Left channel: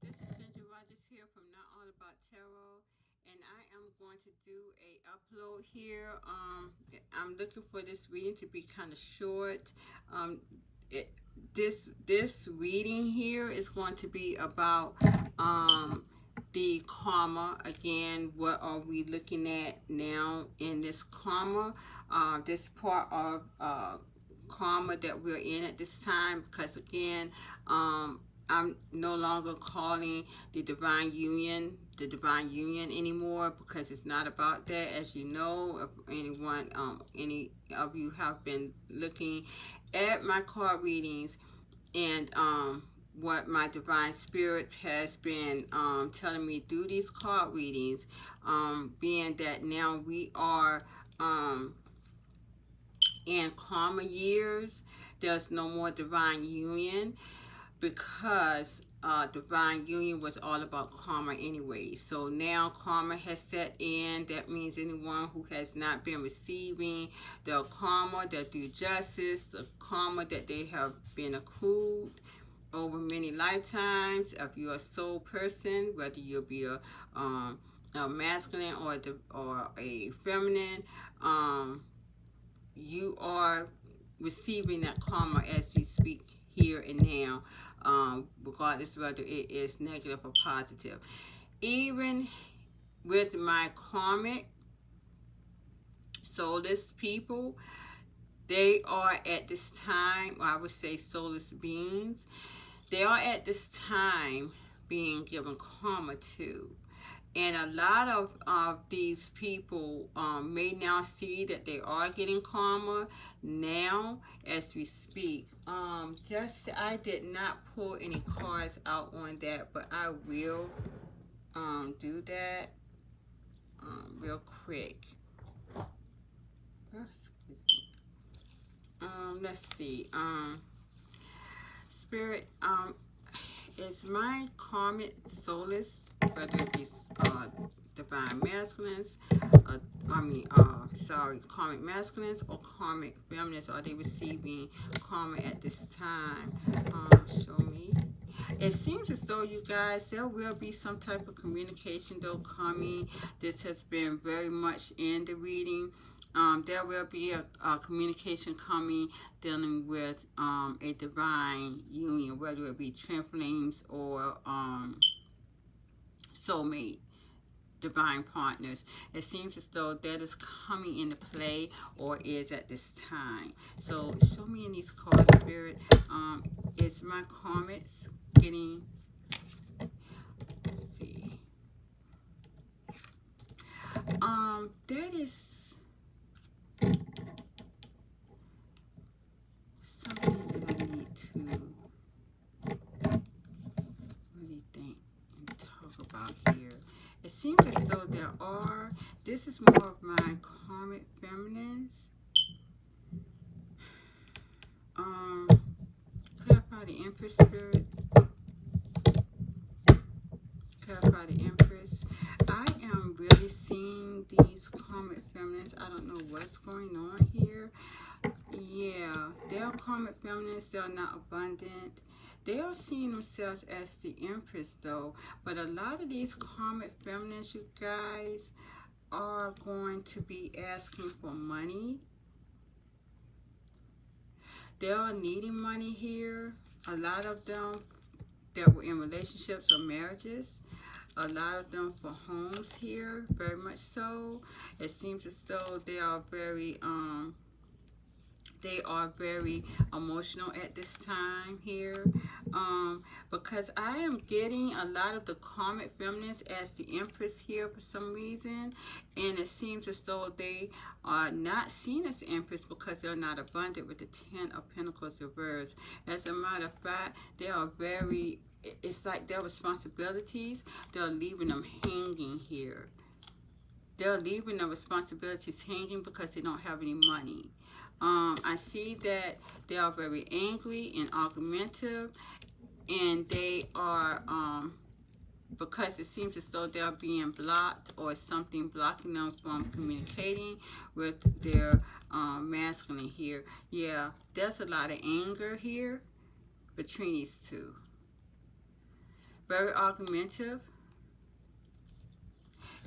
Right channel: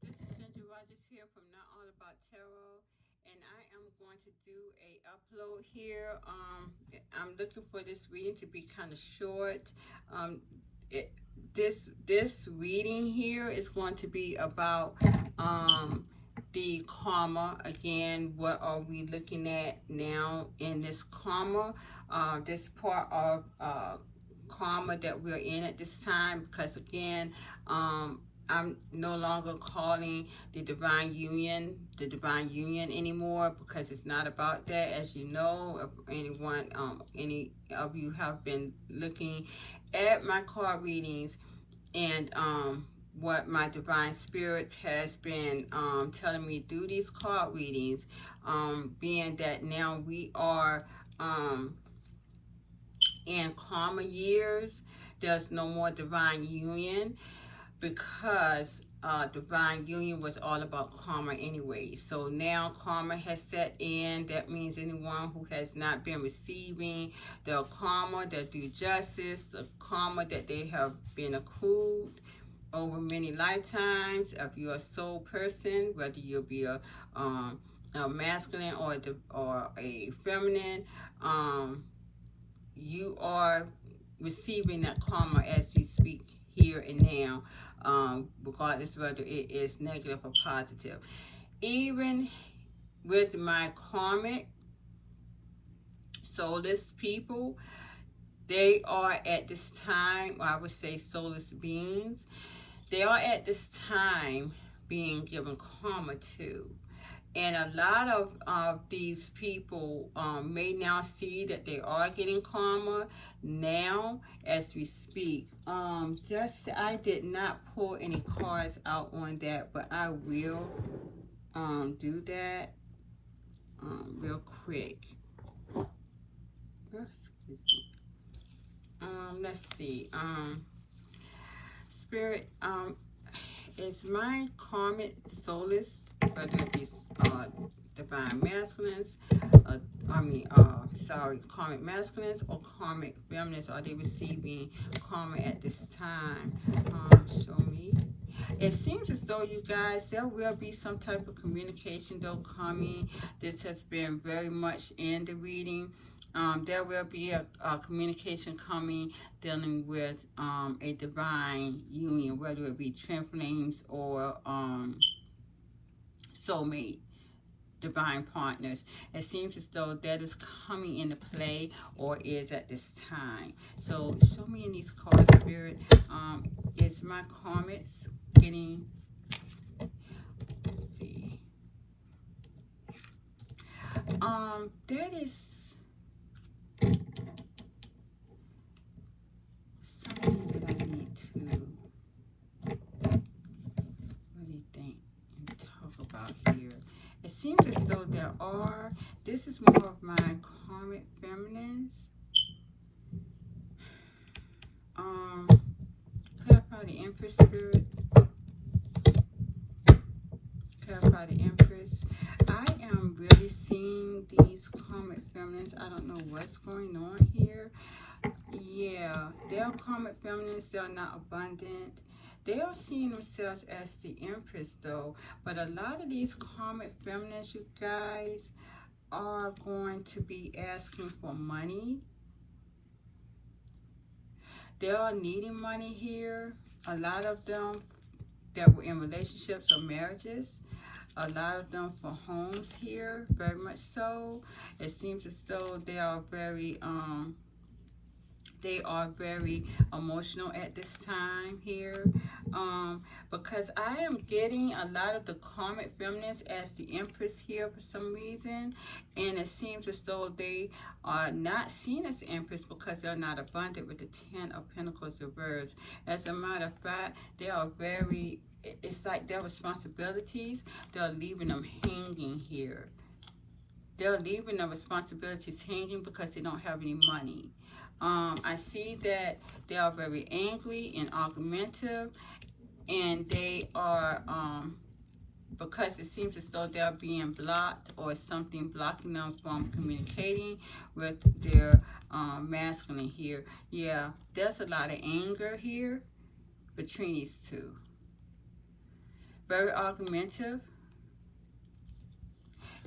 This is Cindy Rogers here from Not All About Tarot, and I am going to do a upload here. I'm looking for this reading to be kind of short. Um, it, this reading here is going to be about the karma. Again, what are we looking at now in this karma? This part of karma that we're in at this time, because again, I'm no longer calling the divine union anymore, because it's not about that. As you know, if any of you have been looking at my card readings, and what my divine spirit has been telling me through these card readings, being that now we are um, in karma years. There's no more divine union, because divine union was all about karma anyway. So now karma has set in. That means anyone who has not been receiving the karma, the due justice, the karma that they have been accrued over many lifetimes. If you're a soul person, whether you'll be a masculine or a feminine, um, you are receiving that karma as you speak here and now, regardless whether it is negative or positive. Even with my karmic soulless people, they are at this time, or I would say soulless beings, they are at this time being given karma too. And a lot of these people may now see that they are getting karma now as we speak. Just I did not pull any cards out on that, but I will do that real quick. Excuse me. Let's see. Spirit, is my karmic soulless, whether it's divine masculines, uh, karmic masculines or karmic feminines, are they receiving karma at this time? Show me. It seems as though, you guys, there will be some type of communication though coming. This has been very much in the reading. There will be a communication coming dealing with a divine union, whether it be twin flames or soulmate, divine partners. It seems as though that is coming into play or is at this time. So show me in these cards, Spirit. Is my karmics getting, let's see, that is something that I need to really think and talk about here. It seems as though this is more of my karmic feminines. Um, clarify the Empress, Spirit. Clarify the Empress. I am really seeing these karmic feminines. I don't know what's going on here. Yeah, they're karmic feminines. They're not abundant. They are seeing themselves as the Empress, though. But a lot of these karmic feminines, you guys, are going to be asking for money. They are needing money here. A lot of them that were in relationships or marriages. A lot of them for homes here, very much so. It seems as though they are very emotional at this time here, because I am getting a lot of the karmic feminines as the Empress here for some reason, and it seems as though they are not seen as the Empress because they're not abundant with the Ten of Pentacles reversed. As a matter of fact, they are very, it's like their responsibilities, they're leaving them hanging here. They're leaving the responsibilities hanging because they don't have any money. I see that they are very angry and argumentative, and they are, because it seems as though they're being blocked or something blocking them from communicating with their masculine here. Yeah, there's a lot of anger here between these two. very argumentative,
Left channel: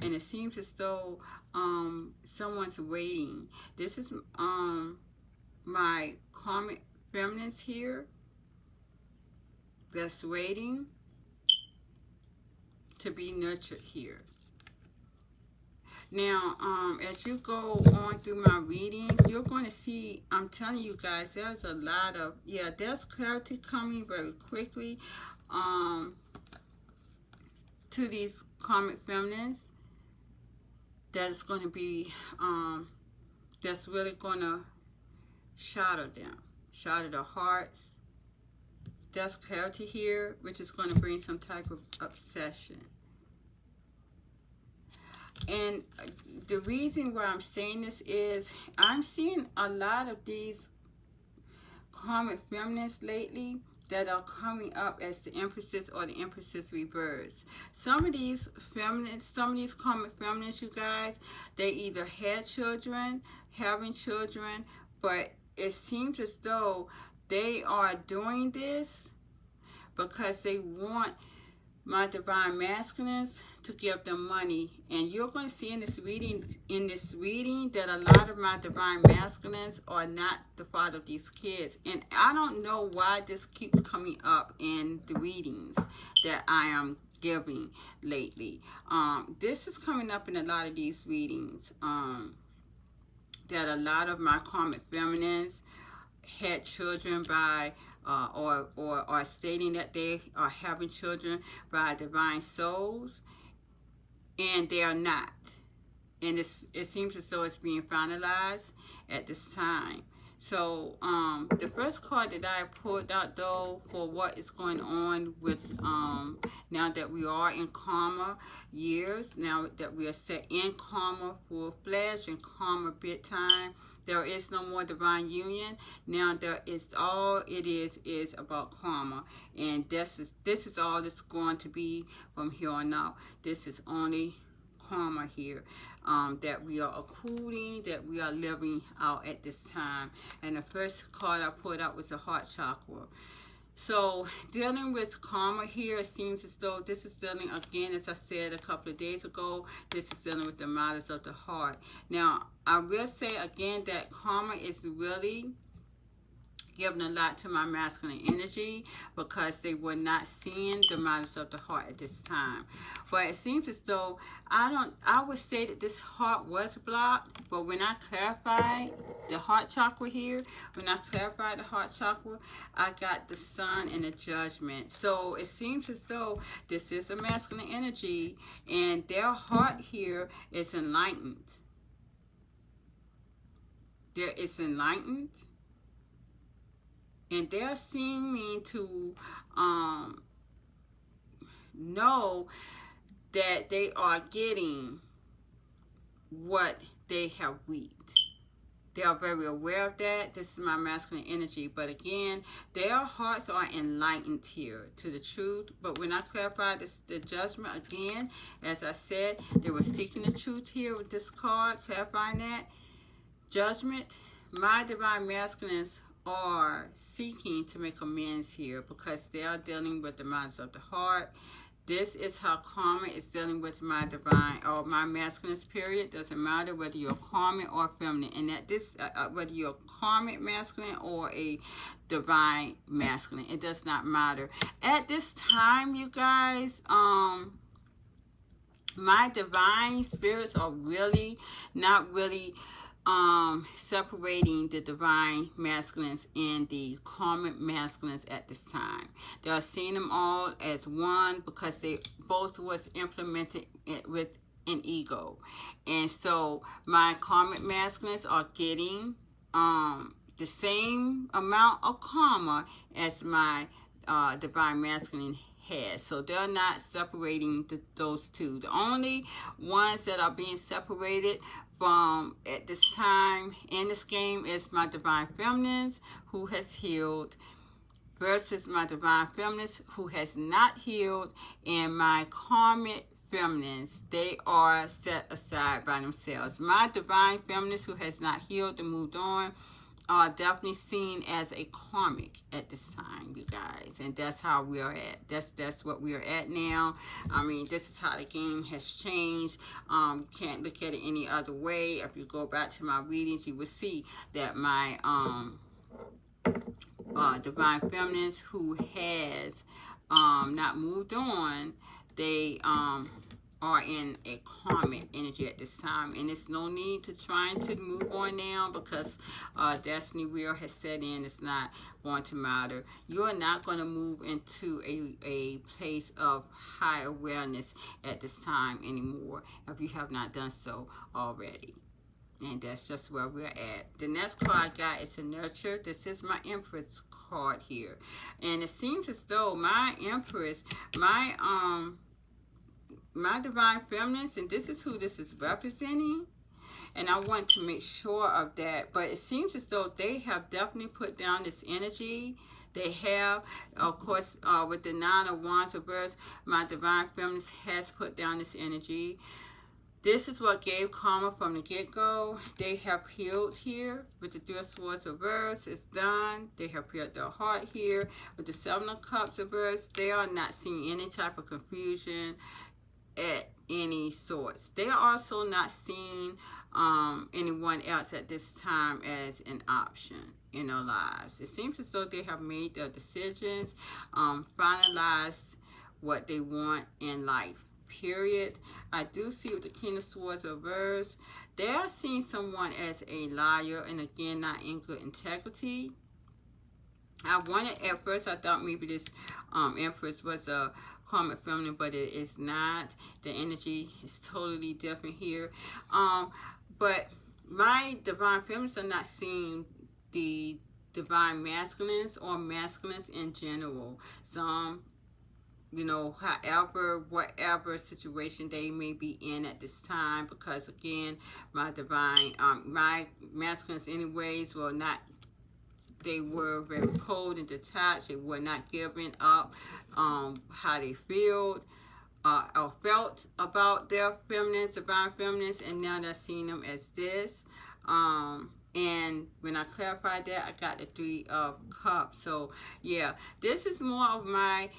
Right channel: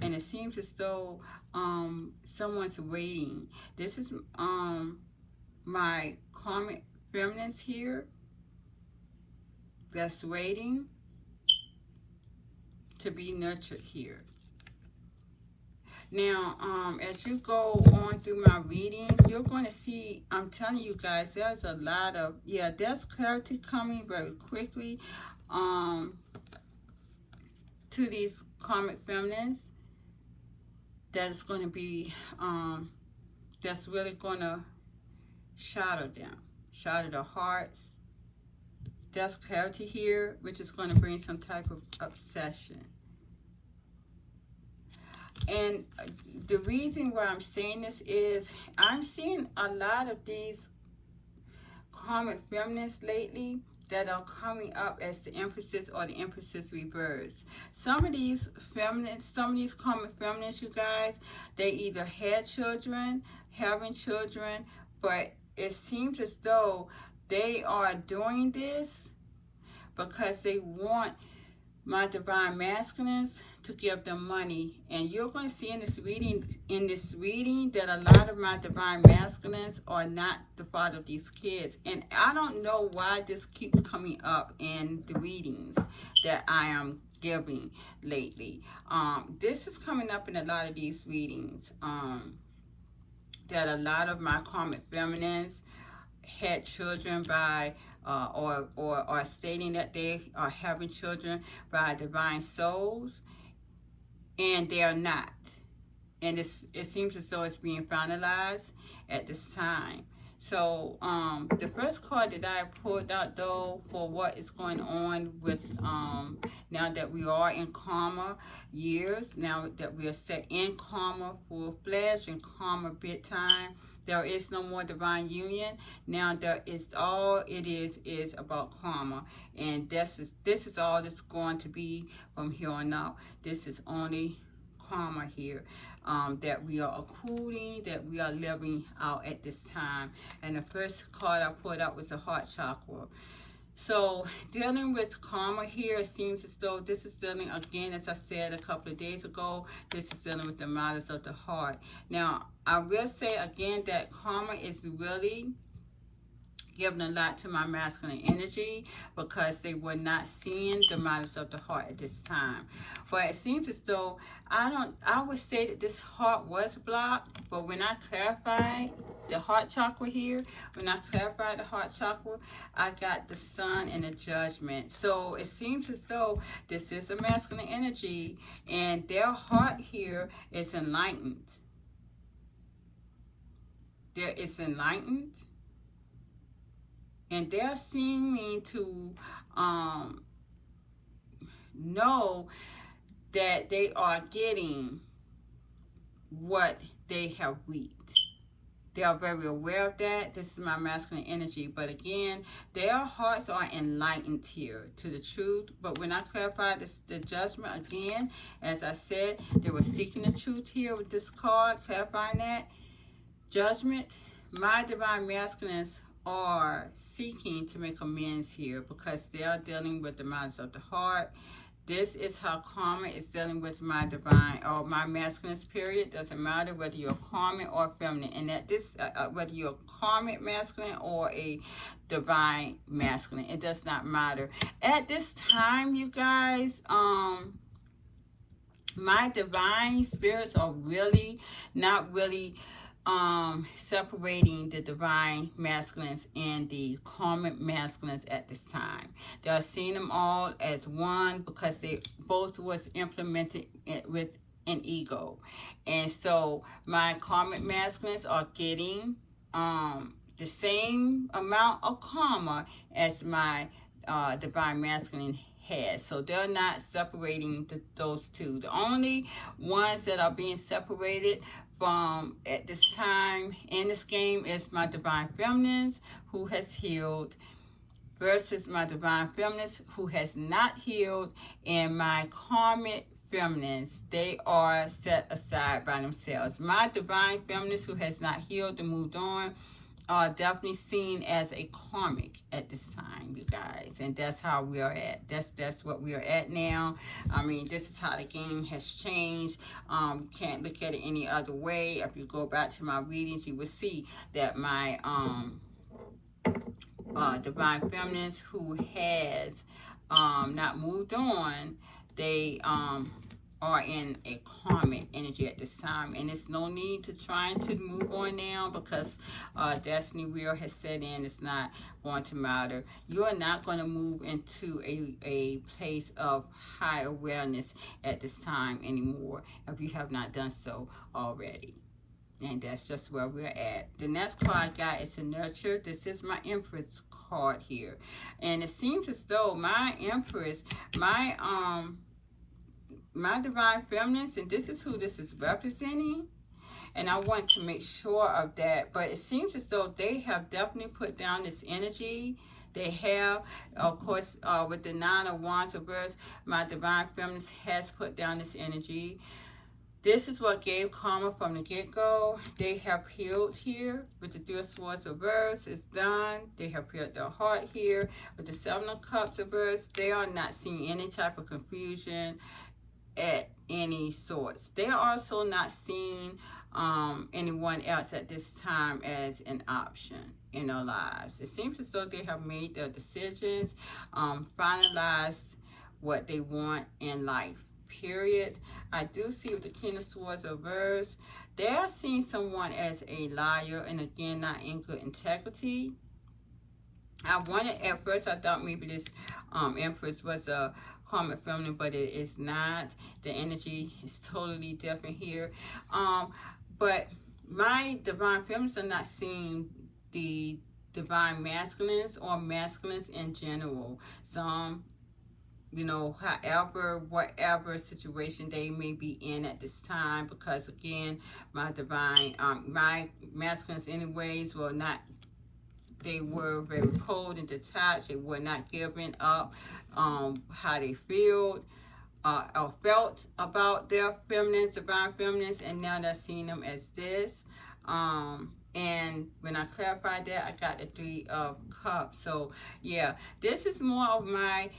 and it seems as though someone's waiting. This is my karmic feminines here that's waiting to be nurtured here. Now, as you go on through my readings, you're going to see, I'm telling you guys, there's a lot of, there's clarity coming very quickly to these karmic feminines. That's going to be, that's really going to shatter them, shatter their hearts. There's clarity here, which is going to bring some type of obsession. And the reason why I'm saying this is I'm seeing a lot of these karmic feminines lately that are coming up as the empresses or the empresses reverse. Some of these feminines, some of these karmic feminines, you guys, they either had children, having children, but it seems as though they are doing this because they want my divine masculines to give them money. And you're going to see in this reading that a lot of my divine masculines are not the father of these kids. And I don't know why this keeps coming up in the readings that I am giving lately. This is coming up in a lot of these readings, that a lot of my karmic feminines had children by or are stating that they are having children by divine souls, and they are not. And it seems as though it's being finalized at this time. So the first card that I pulled out, though, for what is going on with now that we are in karma years, now that we are set in karma full-fledged and karma big time, there is no more divine union. Now there is, all it is about karma, and this is all that's going to be from here on out. This is only karma here, that we are accruing, that we are living out at this time. And the first card I pulled out was the heart chakra. So dealing with karma here, it seems as though this is dealing, again, as I said a couple of days ago, this is dealing with the matters of the heart. Now, I will say again that karma is really giving a lot to my masculine energy because they were not seeing the matters of the heart at this time. But it seems as though I would say that this heart was blocked, but when I clarified the heart chakra here, when I clarified the heart chakra, I got the sun and the judgment. So it seems as though this is a masculine energy, and their heart here is enlightened. There is enlightened, and they're seeming to know that they are getting what they have reaped. They are very aware of that. This is my masculine energy. But again, their hearts are enlightened here to the truth. But when I clarify the judgment, again, as I said, they were seeking the truth here with this card, clarifying that. Judgment, my divine masculines are seeking to make amends here because they are dealing with the matters of the heart. This is how karma is dealing with my divine or my masculine period. Doesn't matter whether you're karmic or feminine, and that this whether you're karmic masculine or a divine masculine, it does not matter at this time, you guys. My divine spirits are really not really separating the divine masculines and the karmic masculines at this time. They're seeing them all as one because they both was implemented with an ego. And so my karmic masculines are getting the same amount of karma as my divine masculine has. So they're not separating those two. The only ones that are being separated from at this time in this game is my divine feminines who has healed versus my divine feminines who has not healed, and my karmic feminines, they are set aside by themselves. My divine feminines who has not healed and moved on are definitely seen as a karmic at this time, you guys. and that's how we are at. That's what we are at now. I mean, this is how the game has changed. Can't look at it any other way. If you go back to my readings, you will see that my divine feminines who has not moved on, they are in a karmic energy at this time, and it's no need to trying to move on now, because destiny wheel has set in. It's not going to matter. You are not going to move into a place of high awareness at this time anymore if you have not done so already. And that's just where we're at. The next card I got is a nurture. This is my Empress card here. And it seems as though my Empress, my divine feminines, and this is who this is representing. And I want to make sure of that. But it seems as though they have definitely put down this energy. They have, of course, with the Nine of Wands reverse, my divine feminines has put down this energy. This is what gave karma from the get-go. They have healed here with the Three of Swords reverse. It's done. They have healed their heart here with the Seven of Cups reverse. They are not seeing any type of confusion at any sorts. They are also not seeing anyone else at this time as an option in their lives. It seems as though they have made their decisions, finalized what they want in life. Period. I do see with the King of Swords reverse, they are seeing someone as a liar, and again, not in good integrity. I wanted, at first, I thought maybe this Empress was a karmic feminine, but it is not. The energy is totally different here. But my divine feminines are not seeing the divine masculines or masculines in general. Some, you know, however, whatever situation they may be in at this time, because again, my divine, my masculines anyways will not, they were very cold and detached. They were not giving up how they feel or felt about their feminines, divine feminines, and now they're seeing them as this. And when I clarified that, I got the Three of Cups. So yeah, this is more of my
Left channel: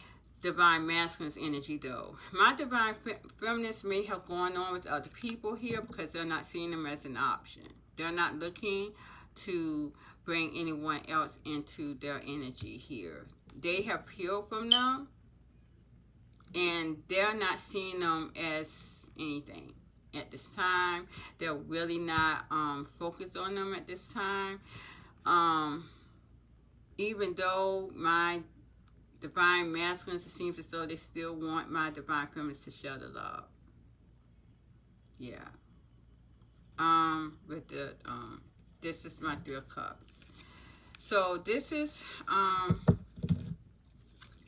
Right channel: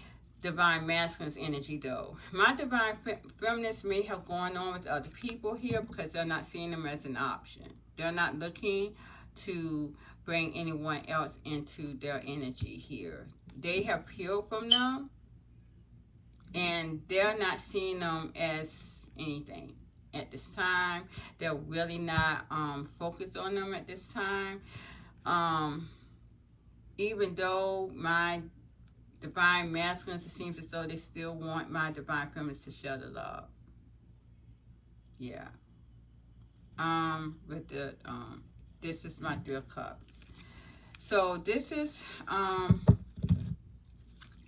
divine masculine's energy though. My divine feminists may have gone on with other people here because they're not seeing them as an option. They're not looking to bring anyone else into their energy here. They have healed from them, and they're not seeing them as anything at this time. They're really not focused on them at this time. Even though my divine masculines, it seems as though they still want my divine feminines to share the love. Yeah. With the this is my Three of Cups. So this is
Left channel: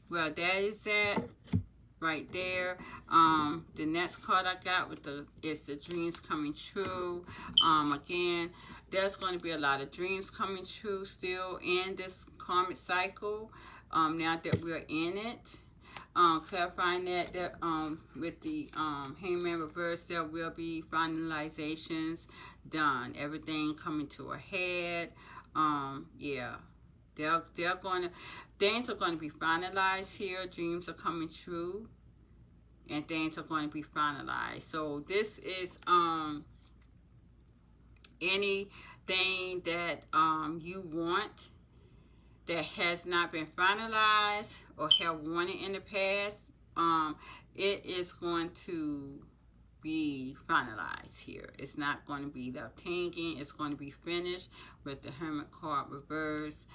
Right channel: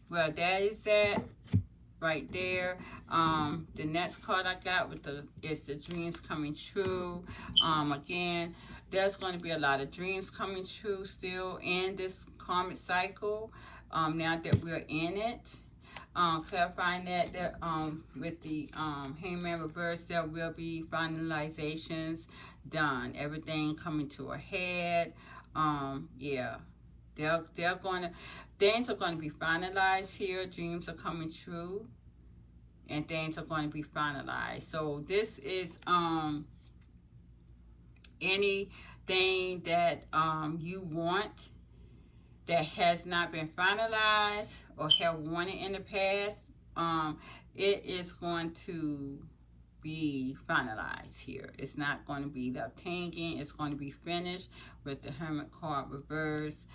where that is at right there. The next card I got with the is the dreams coming true. Again, there's going to be a lot of dreams coming true still in this karmic cycle. Now that we're in it. Clarifying that with the Hangman reverse, there will be finalizations done. Everything coming to a head. Yeah, they're going to, things are going to be finalized here. Dreams are coming true, and things are going to be finalized. So this is anything that you want that has not been finalized or have wanted in the past, it is going to be finalized here. It's not going to be left hanging. It's going to be finished with the Hermit card reverse.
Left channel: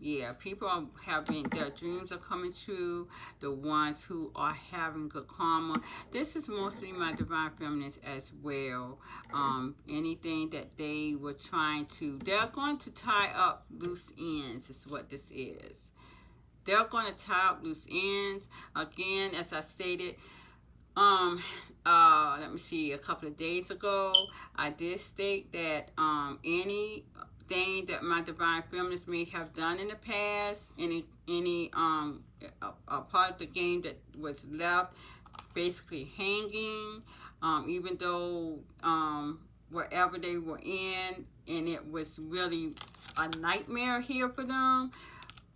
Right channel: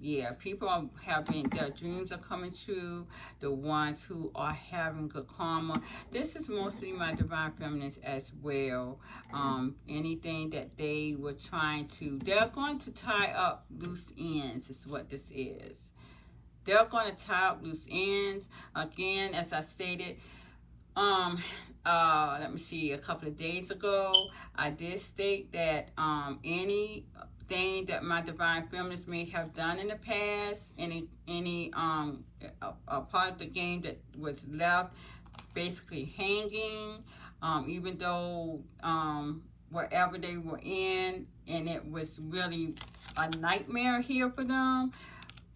Yeah, people are having, their dreams are coming true. The ones who are having good karma. This is mostly my divine feminines as well. Anything that they were trying to, they're going to tie up loose ends is what this is. They're going to tie up loose ends. Again, as I stated, let me see, a couple of days ago, I did state that anything that my divine feminines may have done in the past, any a part of the game that was left basically hanging, even though wherever they were in, and it was really a nightmare here for them,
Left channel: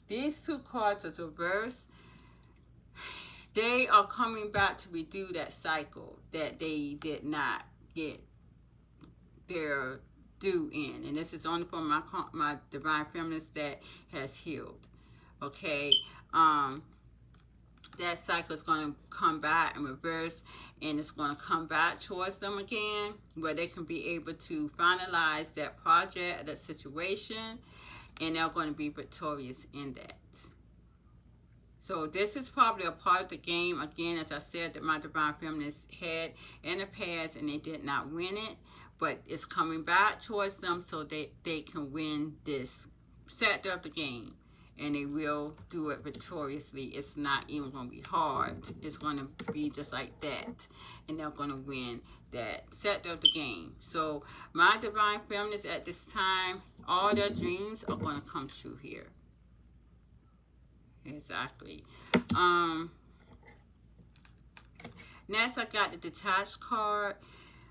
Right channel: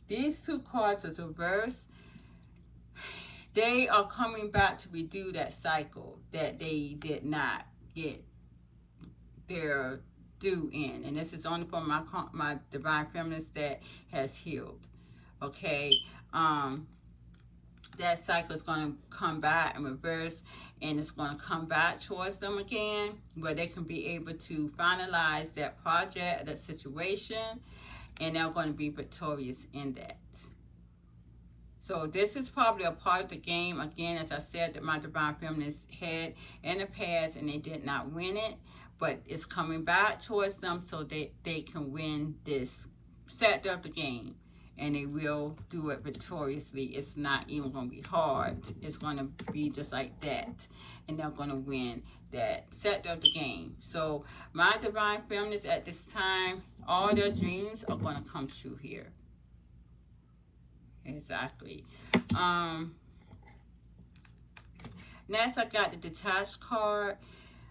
These two cards are reversed. They are coming back to redo that cycle that they did not get their due in. And this is only for my divine feminist that has healed. Okay. That cycle is going to come back in reverse, and it's going to come back towards them again, where they can be able to finalize that project, that situation, and they're going to be victorious in that. So this is probably a part of the game, again, as I said, that my divine feminists had in the past, and they did not win it, but it's coming back towards them so they can win this sector of the game. And they will do it victoriously. It's not even going to be hard. It's going to be just like that. And they're going to win that sector of the game. So my divine feminists at this time, all their dreams are going to come true here. Exactly. Next, I got the detached card.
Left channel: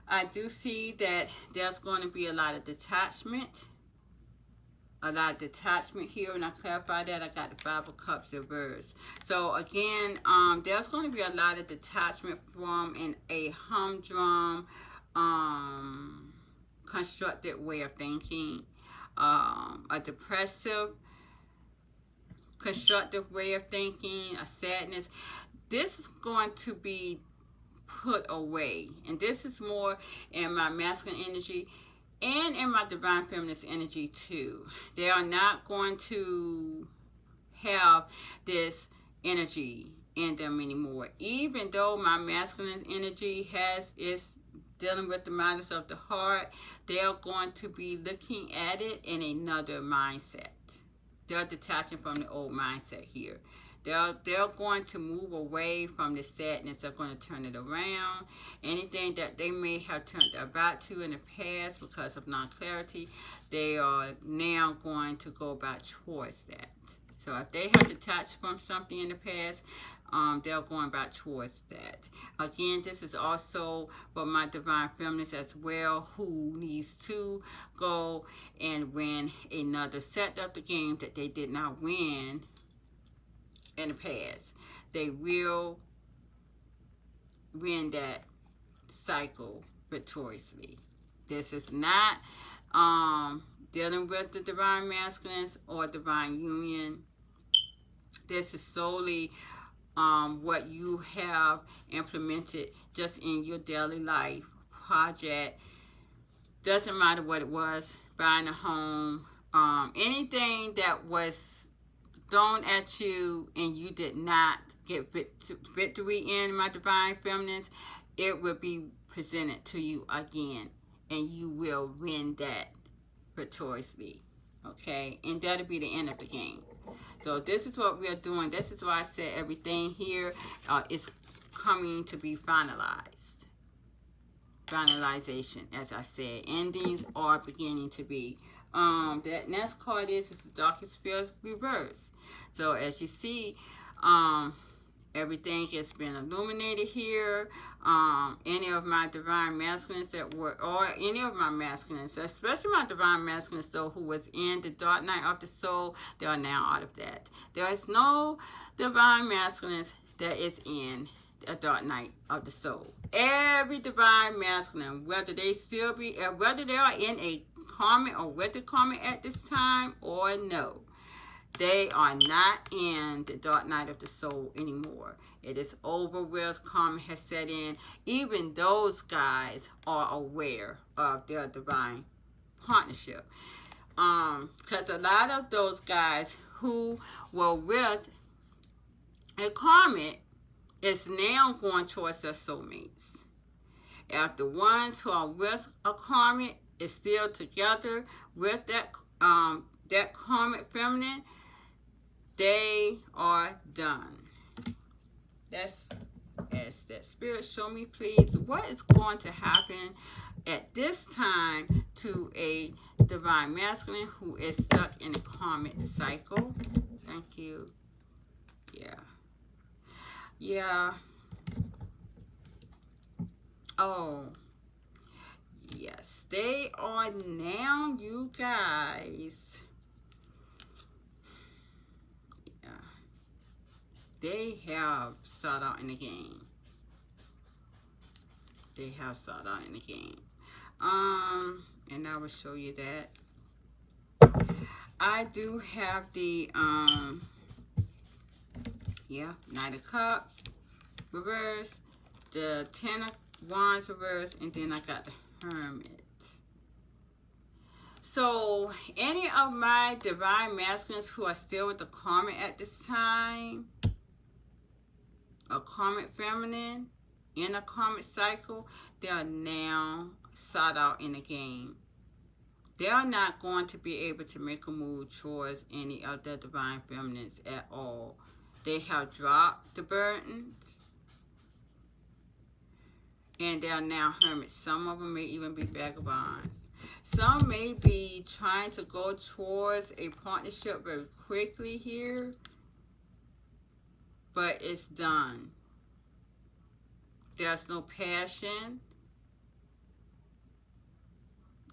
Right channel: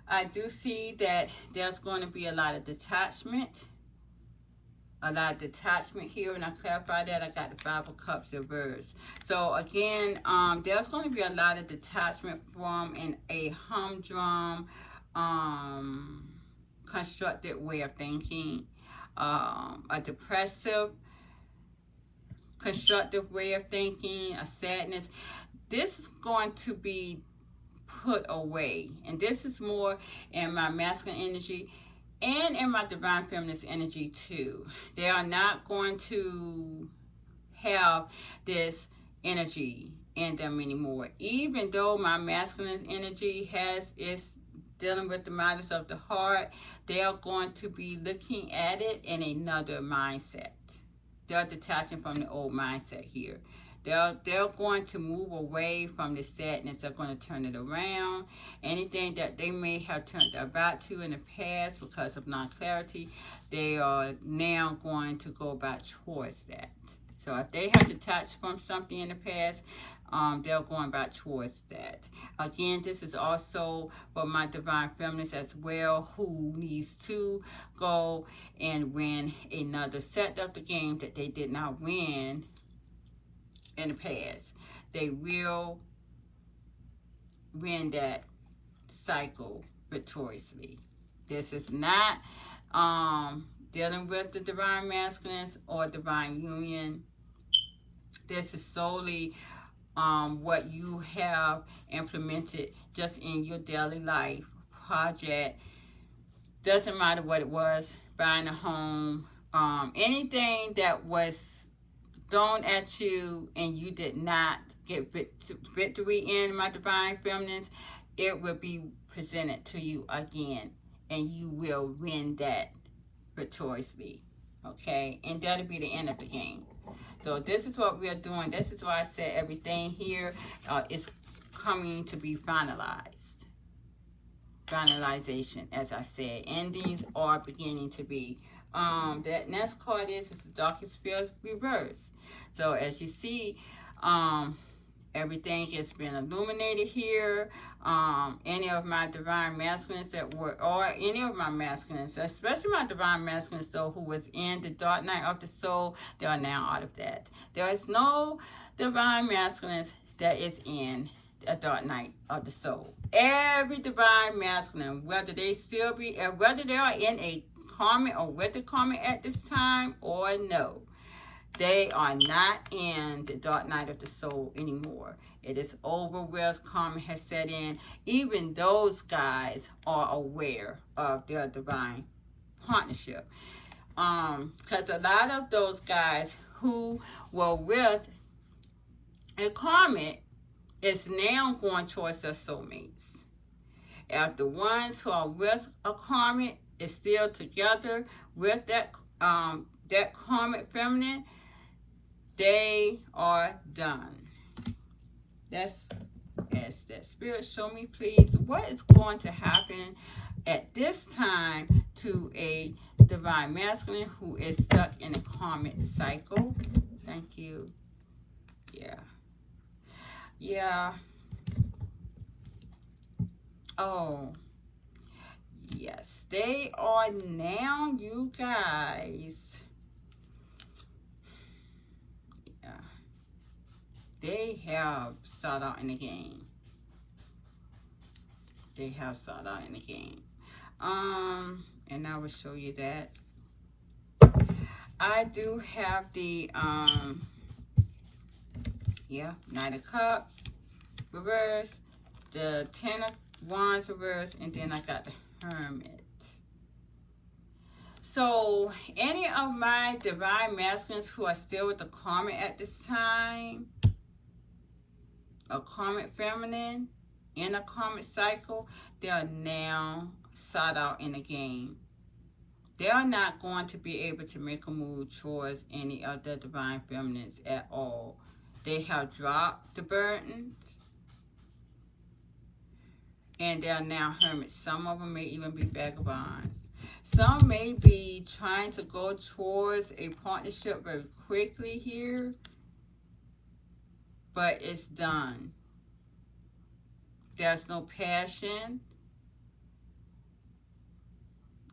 I do see that there's going to be a lot of detachment. A lot of detachment here. When I clarify that, I got the Five of Cups reversed. So again, there's going to be a lot of detachment from a humdrum, constructed way of thinking, a depressive, constructive way of thinking, a sadness. This is going to be put away, and this is more in my masculine energy and in my divine feminist energy too. They are not going to have this energy in them anymore. Even though my masculine energy is dealing with the matters of the heart, they are going to be looking at it in another mindset. They're detaching from the old mindset here. They're going to move away from the sadness. They're going to turn it around. Anything that they may have turned their back to in the past because of non-clarity, they are now going to go back towards that. So if they have detached from something in the past, they're going back towards that. Again, this is also for my divine feminists as well, who needs to go and win another set of the game that they did not win in the past. They will win that cycle victoriously. This is not dealing with the divine masculines or divine union. This is solely what you have implemented just in your daily life project. Doesn't matter what it was, buying a home, anything that was thrown at you and you did not get victory in, my divine feminines, it will be presented to you again, and you will win that victoriously. Okay, and that'll be the end of the game. So this is what we are doing. This is why I said everything here is coming to be finalized. Finalization, as I said. Endings are beginning to be. That next card is the Darkest Spells reverse. So as you see, everything has been illuminated here. Any of my divine masculines that were, or any of my masculines, especially my divine masculines though, who was in the dark night of the soul, they are now out of that. There is no divine masculines that is in a dark night of the soul. Every divine masculine, whether they still be, whether they are in a karmic or with a karmic at this time or no, they are not in the dark night of the soul anymore. It is over with. Karma has set in. Even those guys are aware of their divine partnership. Because a lot of those guys who were with a karmic is now going towards their soulmates. If the ones who are with a karmic is still together with that karmic feminine, they are done. That's as that spirit show me, please, what is going to happen at this time to a divine masculine who is stuck in a karmic cycle. Thank you. Yeah. Oh, yes, they are now, you guys. They have sought out in the game. They have sought out in the game. And I will show you that. I do have the Knight of Cups reverse, the Ten of Wands reverse, and then I got the Hermit. So any of my divine masculines who are still with the Karmic at this time, a Karmic feminine in a Karmic cycle, they are now sought out in the game. They are not going to be able to make a move towards any of the divine feminines at all. They have dropped the burdens, and they are now hermits. Some of them may even be vagabonds. Some may be trying to go towards a partnership very quickly here, but it's done. There's no passion.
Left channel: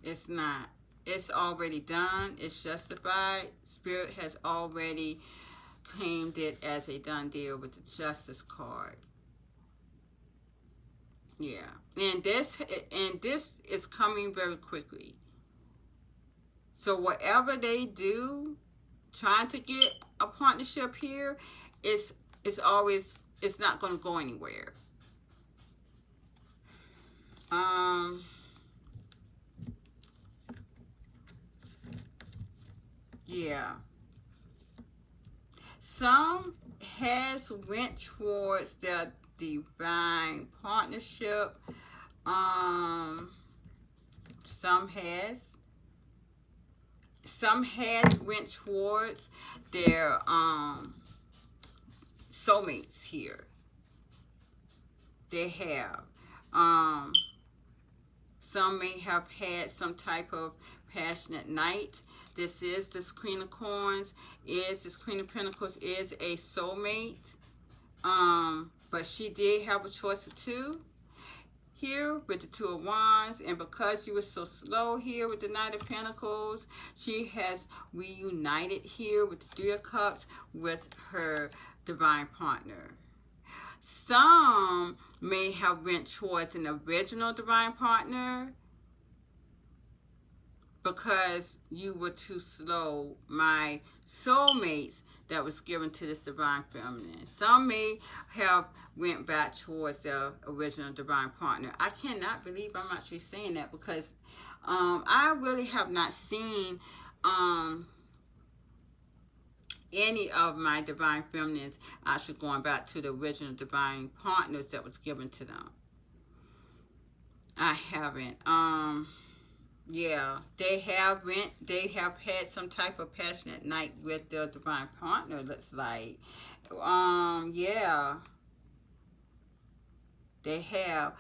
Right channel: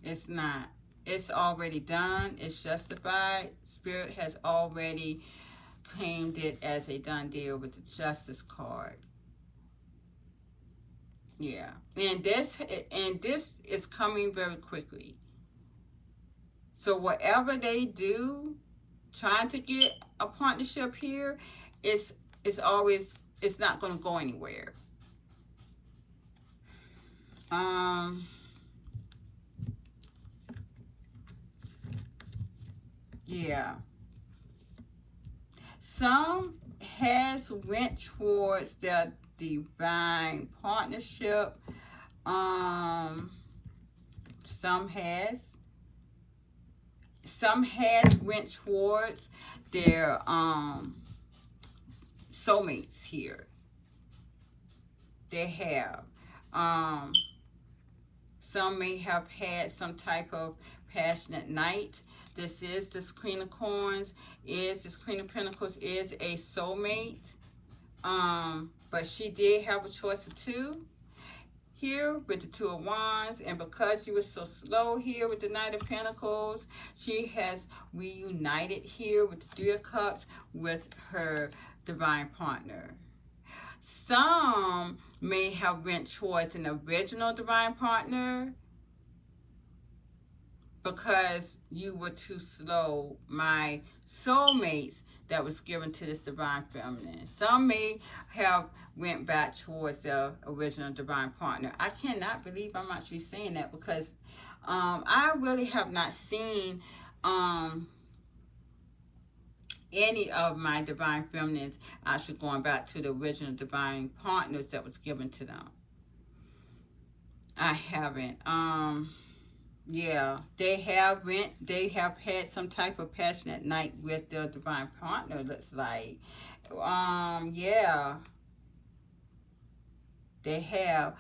It's not. It's already done. It's justified. Spirit has already claimed it as a done deal with the Justice card. Yeah. And this is coming very quickly. So whatever they do, trying to get a partnership here, it's not going to go anywhere. Yeah. Some has went towards their divine partnership. Some has went towards their soulmates here. They have. Some may have had some type of passionate night. This is this Queen of Coins. This Queen of Pentacles is a soulmate. But she did have a choice of two here with the Two of Wands, and because you were so slow here with the Knight of Pentacles, she has reunited here with the Three of Cups with her divine partner. Some may have went towards an original divine partner because you were too slow. My soulmates that was given to this divine feminine. Some may have went back towards their original divine partner. I cannot believe I'm actually saying that because I really have not seen any of my divine feminines actually going back to the original divine partners that was given to them. I haven't. Yeah, they have had some type of passionate night with their divine partner, looks like. Yeah, they have.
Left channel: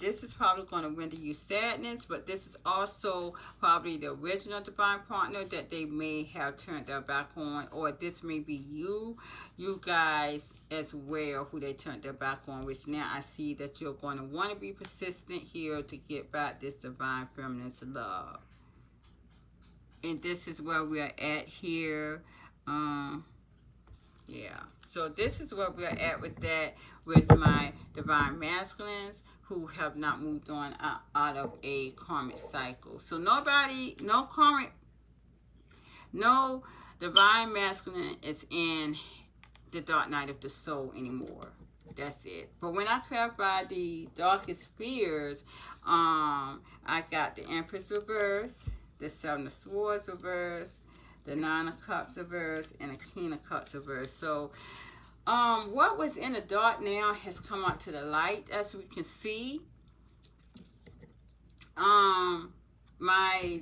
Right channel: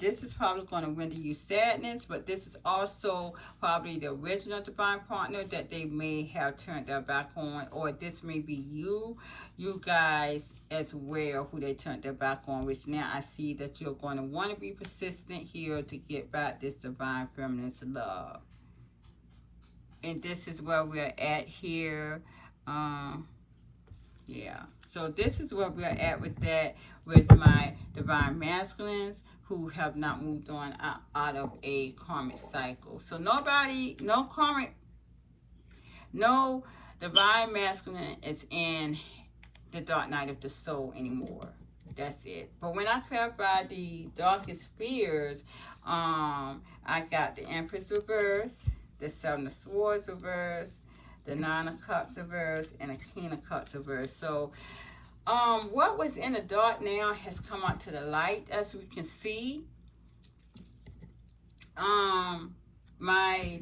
This is probably going to render you sadness, but this is also probably the original divine partner that they may have turned their back on, or this may be you guys as well who they turned their back on, which now I see that you're going to want to be persistent here to get back this divine feminine's love. And this is where we're at here. Yeah, so this is where we're at with that, with my divine masculines who have not moved on out of a karmic cycle. So nobody, no divine masculine is in the dark night of the soul anymore. That's it. But when I clarify the darkest fears, I got the Empress reverse, the Seven of Swords reverse, the Nine of Cups reverse, and the King of Cups reverse. So what was in the dark now has come out to the light, as we can see. My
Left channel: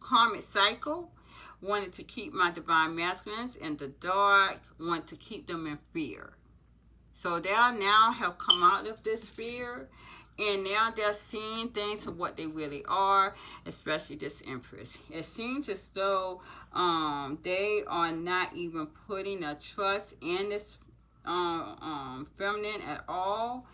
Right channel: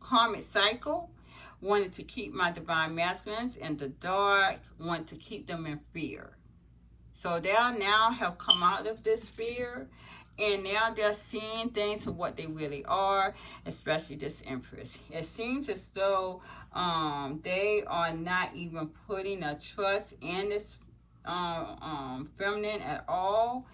karmic cycle wanted to keep my divine masculines in the dark, want to keep them in fear. So they now have come out of this fear, and now they're seeing things for what they really are, especially this Empress. It seems as though they are not even putting a trust in this feminine at all.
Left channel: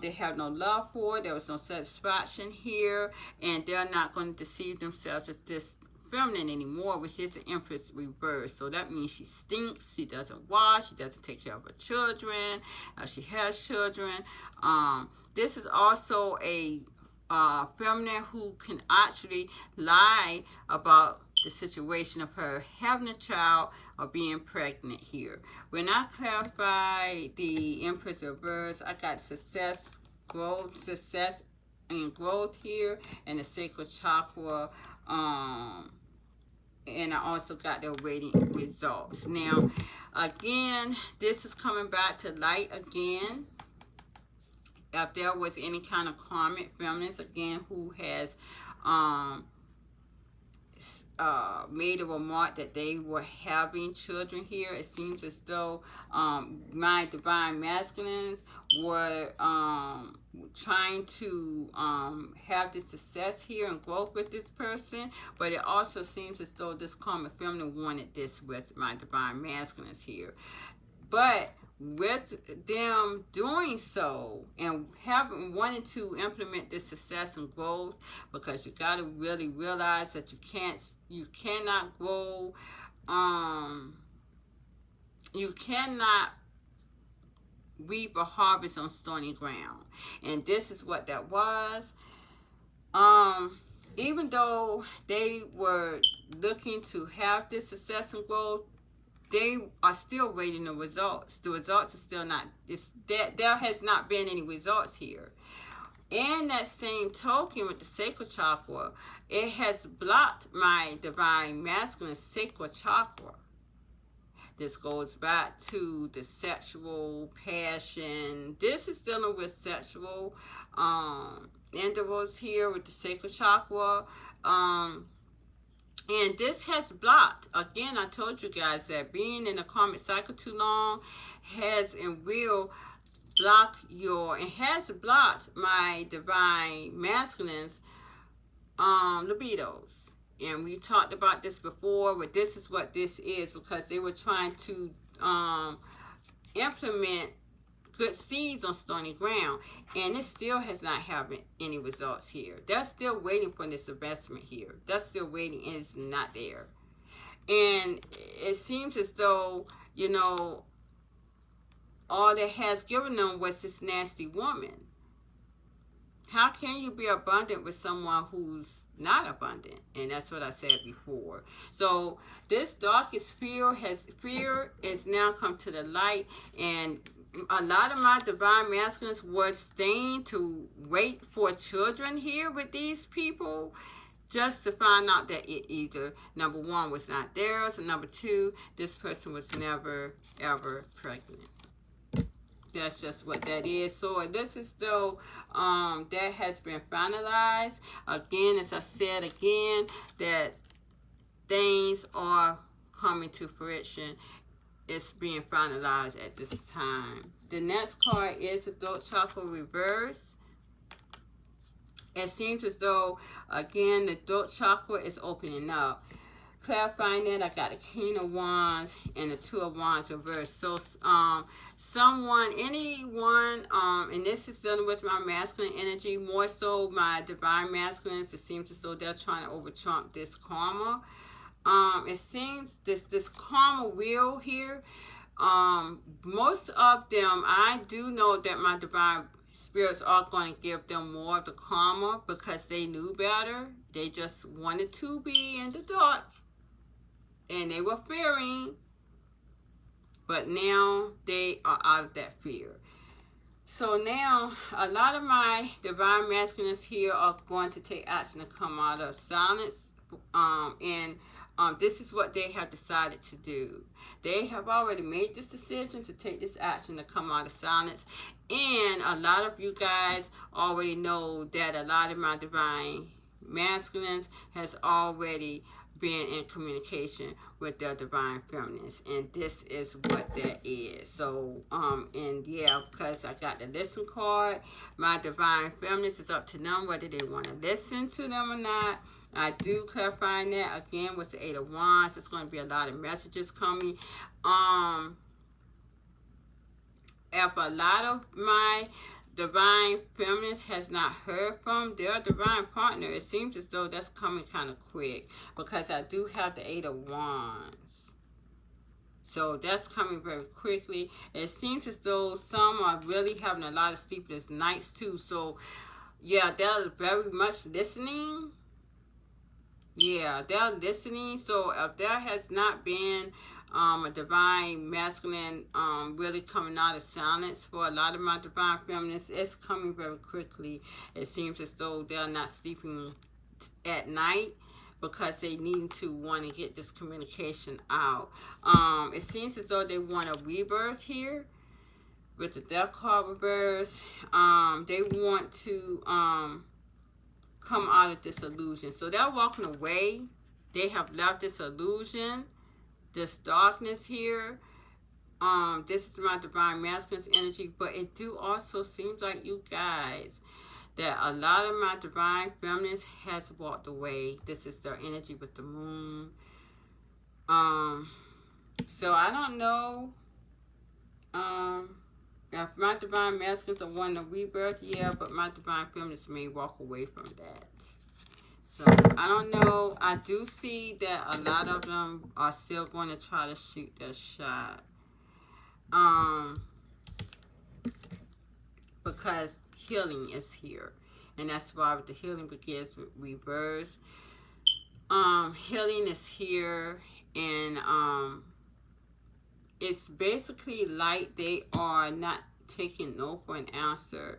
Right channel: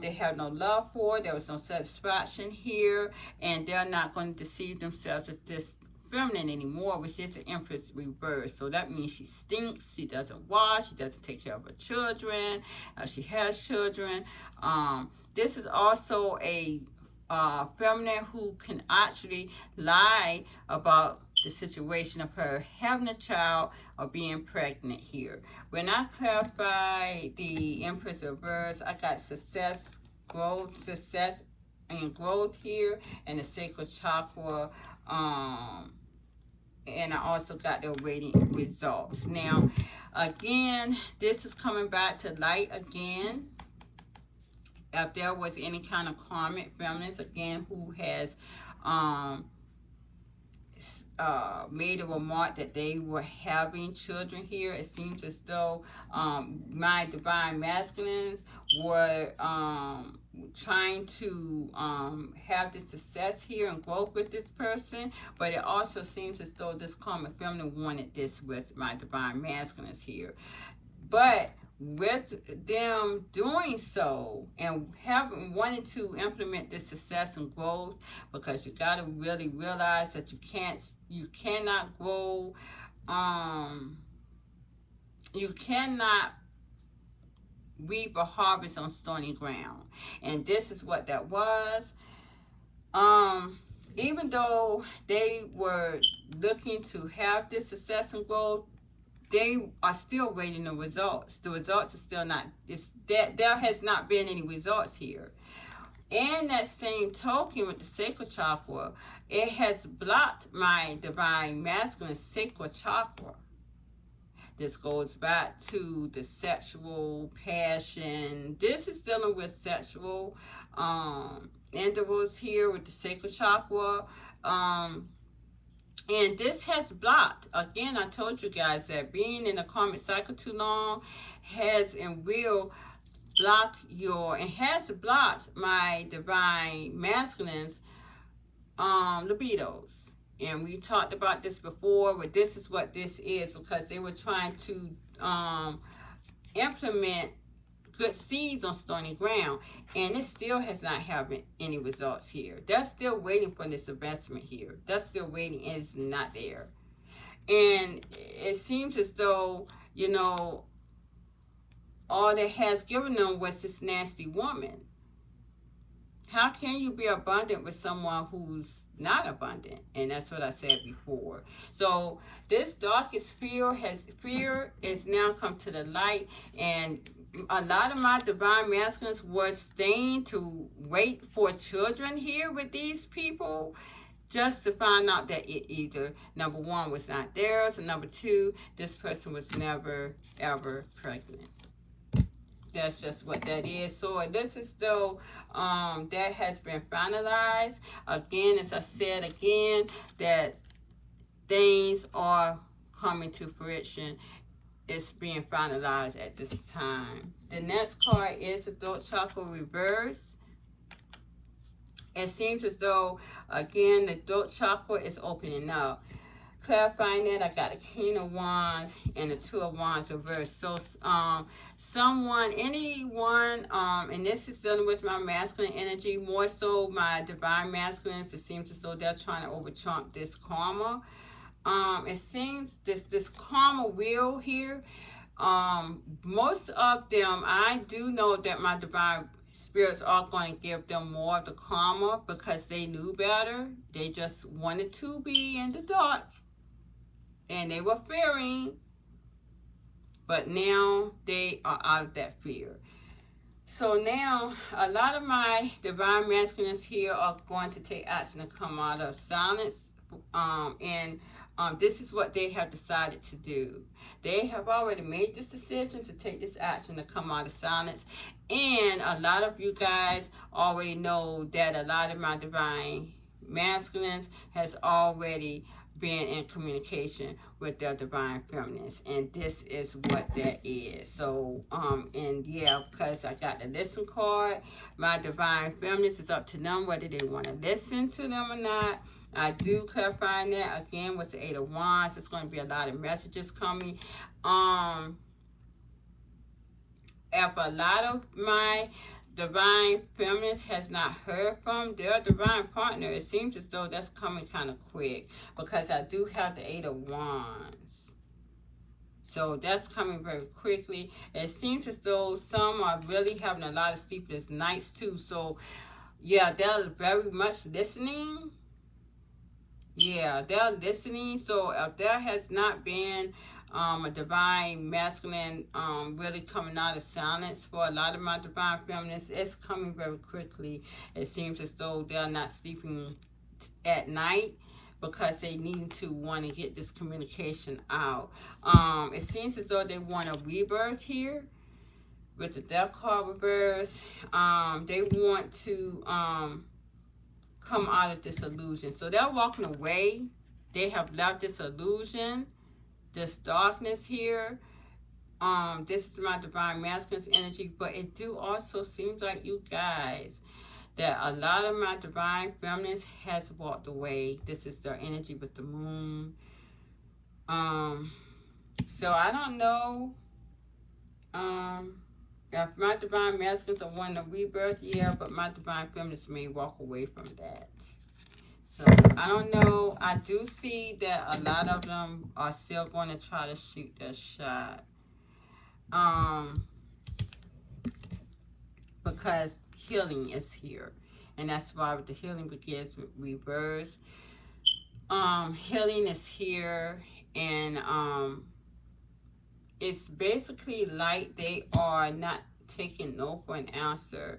They have no love for it. There was no satisfaction here, and they're not going to deceive themselves with this feminine anymore, which is an Empress reverse. So that means she stinks, she doesn't wash, she doesn't take care of her children, she has children. This is also a feminine who can actually lie about the situation of her having a child or being pregnant here. When I clarify the Empress reverse, I got success, growth, success and growth here, and the sacral chakra, and I also got the rating results. Now, again, this is coming back to light again. If there was any kind of karmic feminines, again, who has made a remark that they were having children here, it seems as though my divine masculines were trying to have this success here and growth with this person, but it also seems as though this karmic feminine wanted this with my divine masculines here. But with them doing so and wanting to implement this success and growth, because you got to really realize that you cannot grow, you cannot reap a harvest on stony ground, and this is what that was. Even though they were looking to have this success and growth, they are still waiting the results. The results are still not, there has not been any results here. And that same token with the sacral chakra, it has blocked my divine masculine sacral chakra. This goes back to the sexual passion. This is dealing with sexual intervals here with the sacral chakra. And this has blocked, again, I told you guys that being in a karmic cycle too long has and will block and has blocked my divine masculines libidos. And we talked about this before, but this is what this is, because they were trying to implement good seeds on stony ground, and it still has not having any results here. They're still waiting for this investment here. They're still waiting, and it's not there. And it seems as though, you know, all that has given them was this nasty woman. How can you be abundant with someone who's not abundant? And that's what I said before. So this darkest fear is now come to the light, and a lot of my divine masculines were staying to wait for children here with these people, just to find out that it either, number one, was not theirs, and number two, this person was never, ever pregnant. That's just what that is. So this is though that has been finalized. Again, as I said again, that things are coming to fruition. It's being finalized at this time. The next card is the throat chakra reverse. It seems as though, again, the throat chakra is opening up. Clarifying that, I got a King of Wands and a Two of Wands reversed. So, anyone, and this is dealing with my masculine energy, more so my divine masculines. It seems as though they're trying to over-trump this karma. It seems this karma wheel here, most of them, I do know that my divine spirits are going to give them more of the karma because they knew better. They just wanted to be in the dark, and they were fearing, but now they are out of that fear. So now, a lot of my divine masculines here are going to take action to come out of silence, and this is what they have decided to do. They have already made this decision to take this action to come out of silence, and a lot of you guys already know that a lot of my divine masculines has already been in communication with their divine feminines, and this is what that is. So and yeah, because I got the listen card, my divine feminines, is up to them whether they want to listen to them or not. I do clarify that again with the Eight of Wands. It's going to be a lot of messages coming. If a lot of my divine feminist has not heard from their divine partner, it seems as though that's coming kind of quick, because I do have the Eight of Wands. So that's coming very quickly. It seems as though some are really having a lot of sleepless nights too. So yeah, they're very much listening. Yeah, they're listening. So if there has not been a divine masculine really coming out of silence for a lot of my divine feminists, it's coming very quickly. It seems as though they're not sleeping at night because they need to want to get this communication out. It seems as though they want a rebirth here with the Death card reverse. They want to come out of this illusion. So they're walking away. They have left this illusion, this darkness here. This is my divine masculine's energy, but it do also seems like you guys that a lot of my divine feminines has walked away. This is their energy with the moon. So I don't know if my divine masculines are wanting a rebirth, yeah, but my divine feminines may walk away from that. So I don't know. I do see that a lot of them are still going to try to shoot their shot. Because healing is here. And that's why the healing begins with reverse. Healing is here, and it's basically like they are not taking no for an answer.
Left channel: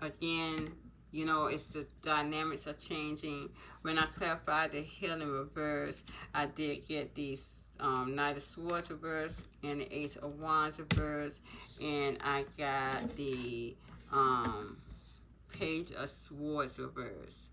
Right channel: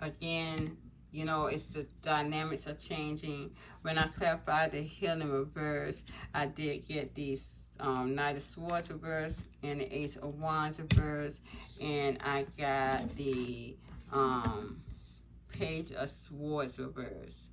Again, you know, it's the dynamics are changing. When I clarified the healing reverse, I did get these Knight of Swords reverse and the Ace of Wands reverse, and I got the Page of Swords reverse.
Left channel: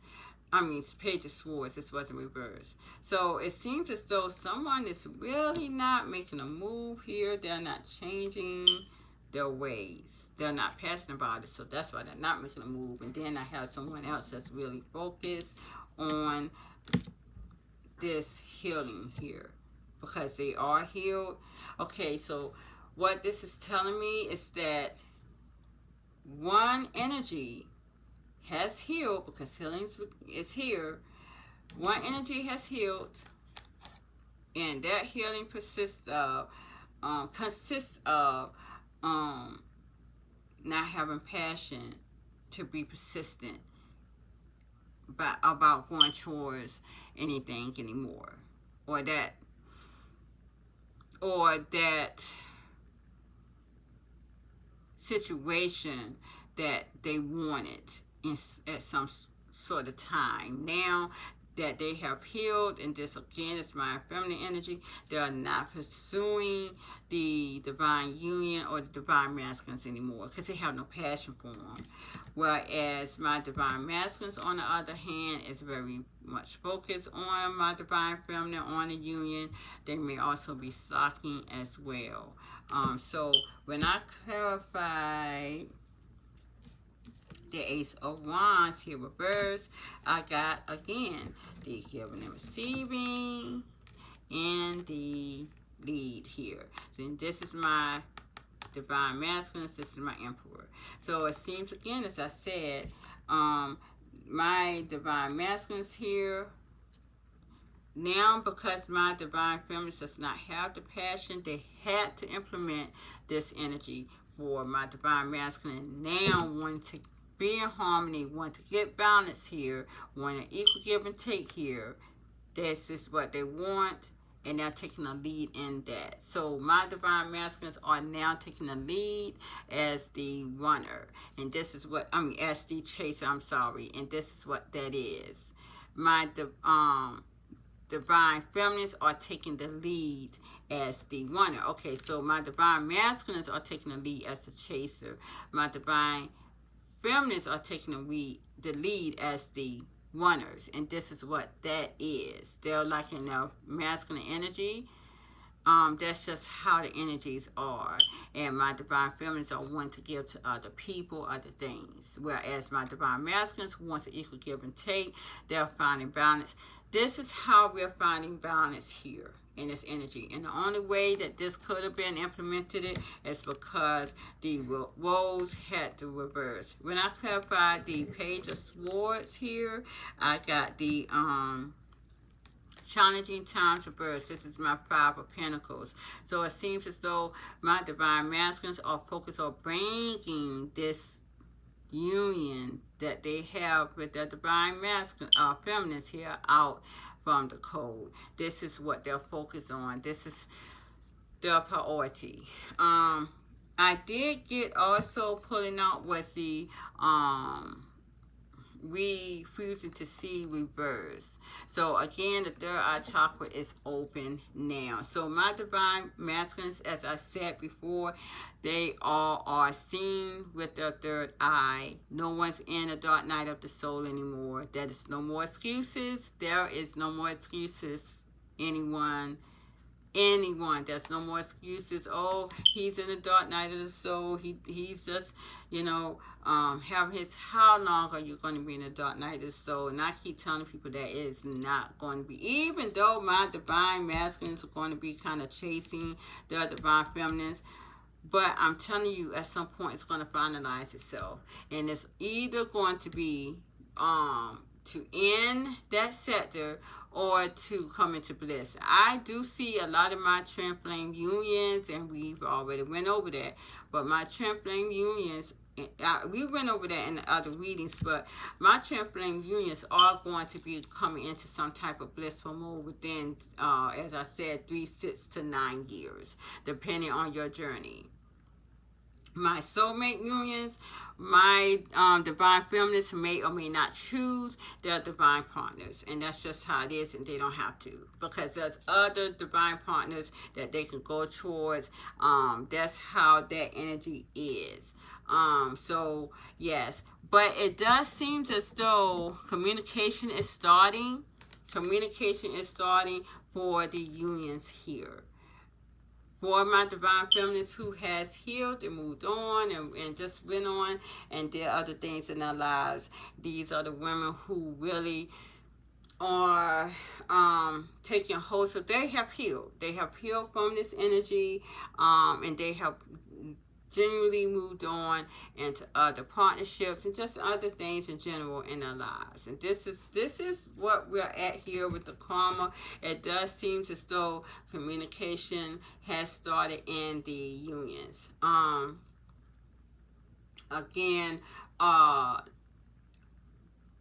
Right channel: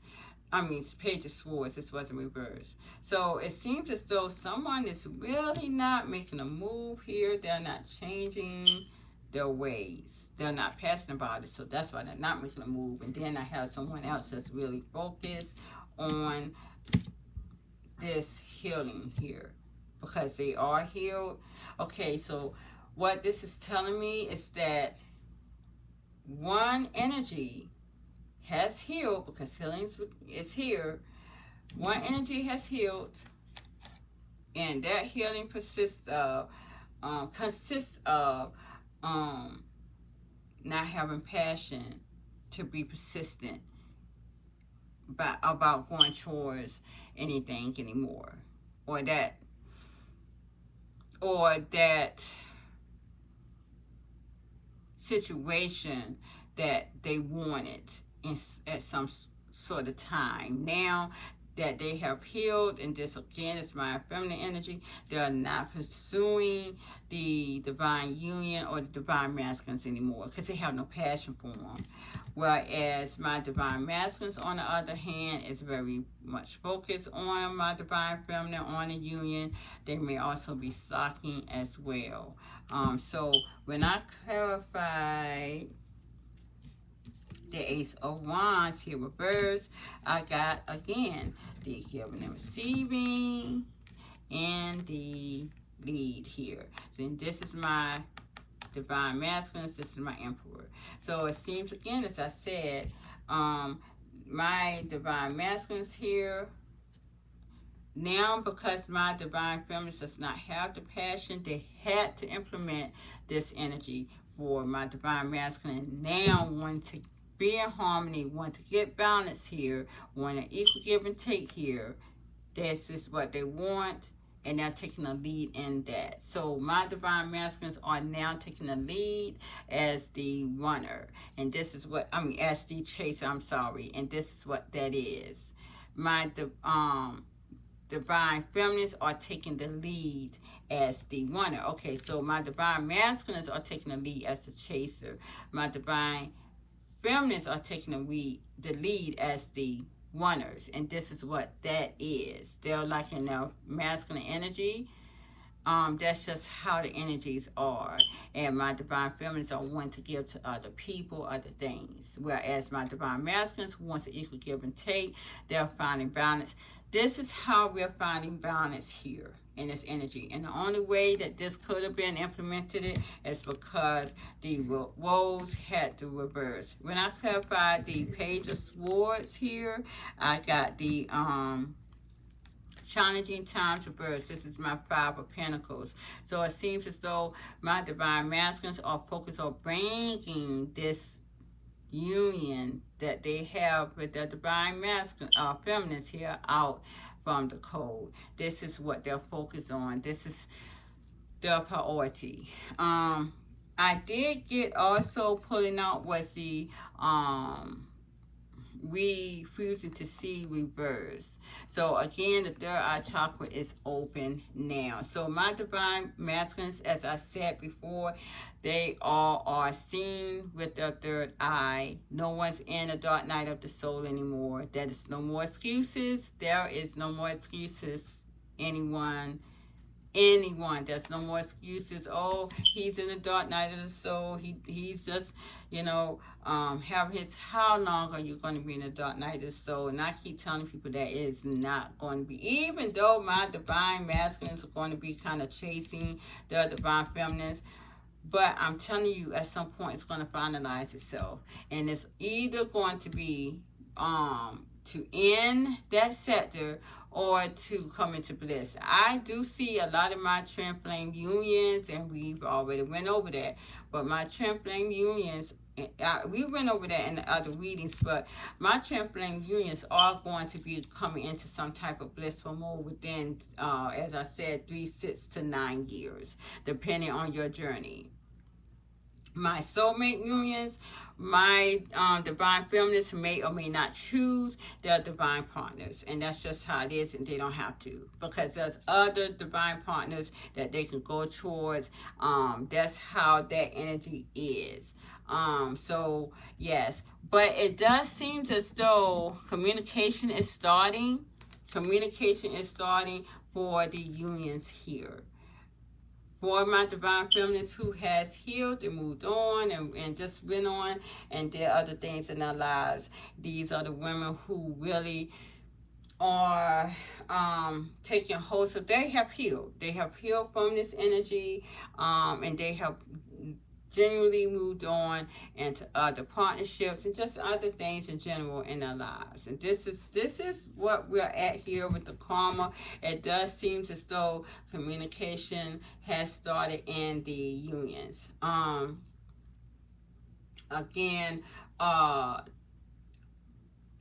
I mean, Page of Swords, this wasn't reversed. So it seems as though someone is really not making a move here. They're not changing their ways. They're not passionate about it. So that's why they're not making a move. And then I have someone else that's really focused on this healing here, because they are healed. Okay, so what this is telling me is that one energy has healed, because healing is here. One energy has healed, and that healing consists of not having passion to be persistent about going towards anything anymore, or that situation that they wanted at some sort of time. Now that they have healed, and this again is my feminine energy, they are not pursuing the divine union or the divine masculines anymore, because they have no passion for them. Whereas my divine masculines, on the other hand, is very much focused on my divine feminine, on the union. They may also be stalking as well. So when I clarified the Ace of Wands here reversed, I got again the giving and receiving and the lead here. So this is my divine masculine, this is my emperor. So it seems again, as I said, my divine masculines here now, because my divine feminine does not have the passion, they had to implement this energy for my divine masculine. Now want to be in harmony, want to get balance here, want an equal give and take here. This is what they want, and they're taking a lead in that. So my divine masculines are now taking a lead as the runner, and this is what I mean, as the chaser. I'm sorry, and this is what that is. My divine feminines are taking the lead as the runner. Okay, so my divine masculines are taking the lead as the chaser. My divine feminines are taking the lead as the runners, and this is what that is. They're like in their masculine energy. That's just how the energies are. And my divine feminines are one to give to other people, other things. Whereas my divine masculines wants to equally give and take. They're finding balance. This is how we're finding balance here. in this energy. And the only way that this could have been implemented is because the roles had to reverse. When I clarified the Page of Swords here, I got the challenging times reverse. This is my Five of Pentacles. So it seems as though my divine masculines are focused on bringing this union that they have with the divine masculine feminines here out from the code. This is what they're focused on. This is their priority. I did get also pulling out was the refusing to see reverse. So again, the third eye chakra is open now. So my divine masculines, as I said before, they all are seen with their third eye. No one's in a dark night of the soul anymore. There is no more excuses. There is no more excuses. Anyone, there's no more excuses. Oh, he's in the dark night of the soul. He's just, you know, have his, how long are you going to be in the dark night of the soul? And I keep telling people that it is not going to be, even though my divine masculines are going to be kind of chasing their divine feminines. But I'm telling you, at some point, it's going to finalize itself. And it's either going to be to end that sector or to come into bliss. I do see a lot of my twin flame unions, and we've already went over that. But my twin flame unions, we went over that in the other readings, but my twin flame unions are going to be coming into some type of blissful mode within, as I said, 3, 6 to 9 years, depending on your journey. My soulmate unions, my divine feminists may or may not choose their divine partners, and that's just how it is, and they don't have to, because there's other divine partners that they can go towards. That's how that energy is. So yes, but it does seem as though communication is starting for the unions here. For my divine feminists who has healed and moved on and just went on and did other things in their lives. These are the women who really are taking hold. So they have healed. They have healed from this energy, and they have genuinely moved on into other partnerships and just other things in general in our lives. And this is what we're at here with the karma. It does seem as though communication has started in the unions. Again,